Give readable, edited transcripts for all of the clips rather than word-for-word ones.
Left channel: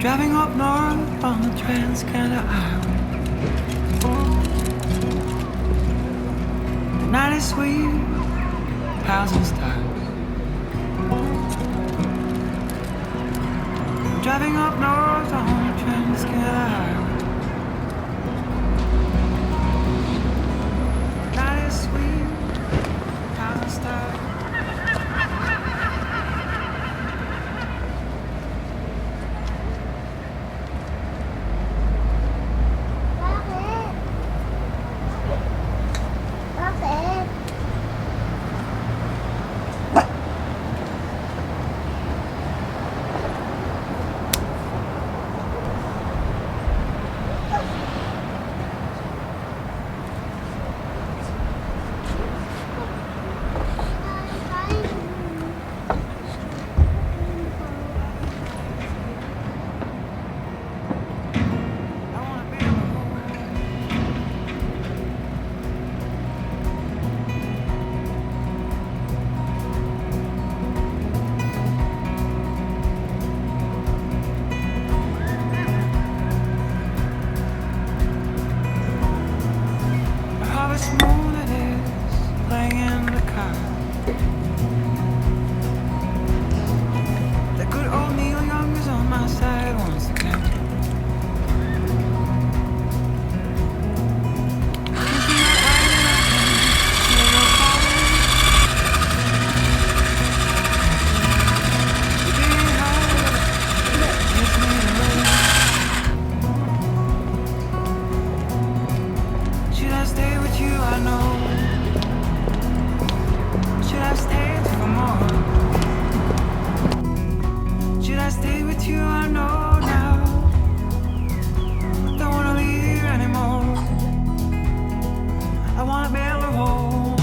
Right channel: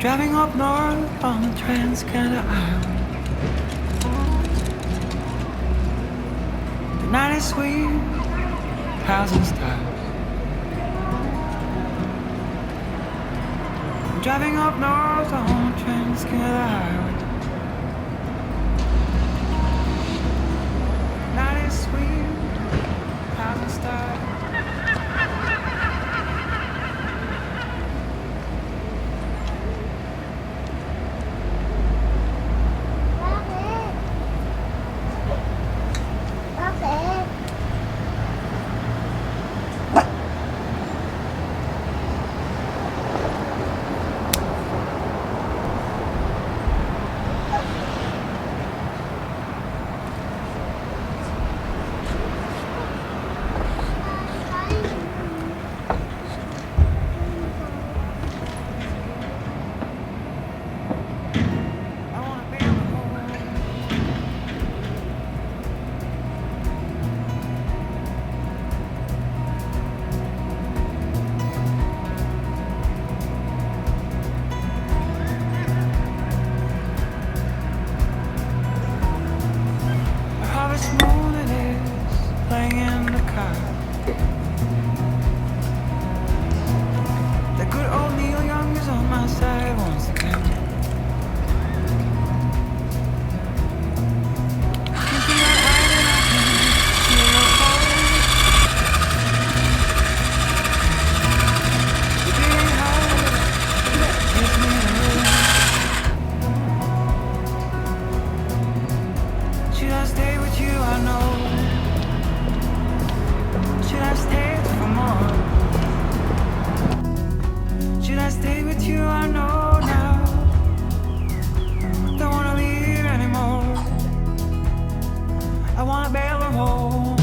Driving up north on the Trans-Canada Highway. The night is sweet, housing stars. I'm driving up north on the Trans-Canada Highway. The night is sweet, housing stars. Moon it is, playing in the car. The good old Neil Young is on my side once again. Into my eyes and I can feel your cold. You're being hard, kiss me the Should I stay with you? I know. Should I stay for more? Should I stay with you? I know now. Don't wanna leave anymore. I wanna bail her home.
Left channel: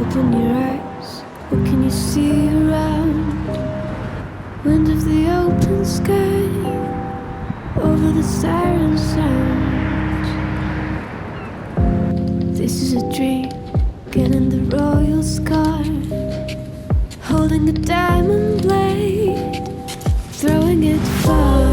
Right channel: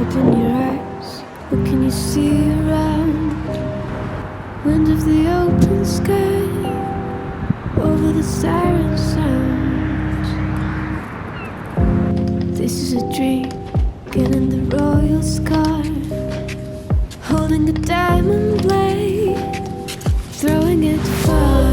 Open your eyes, what can you see around? Wind of the open sky, over the siren sounds. This is a dream, getting the royal scar, holding a diamond blade, throwing it far.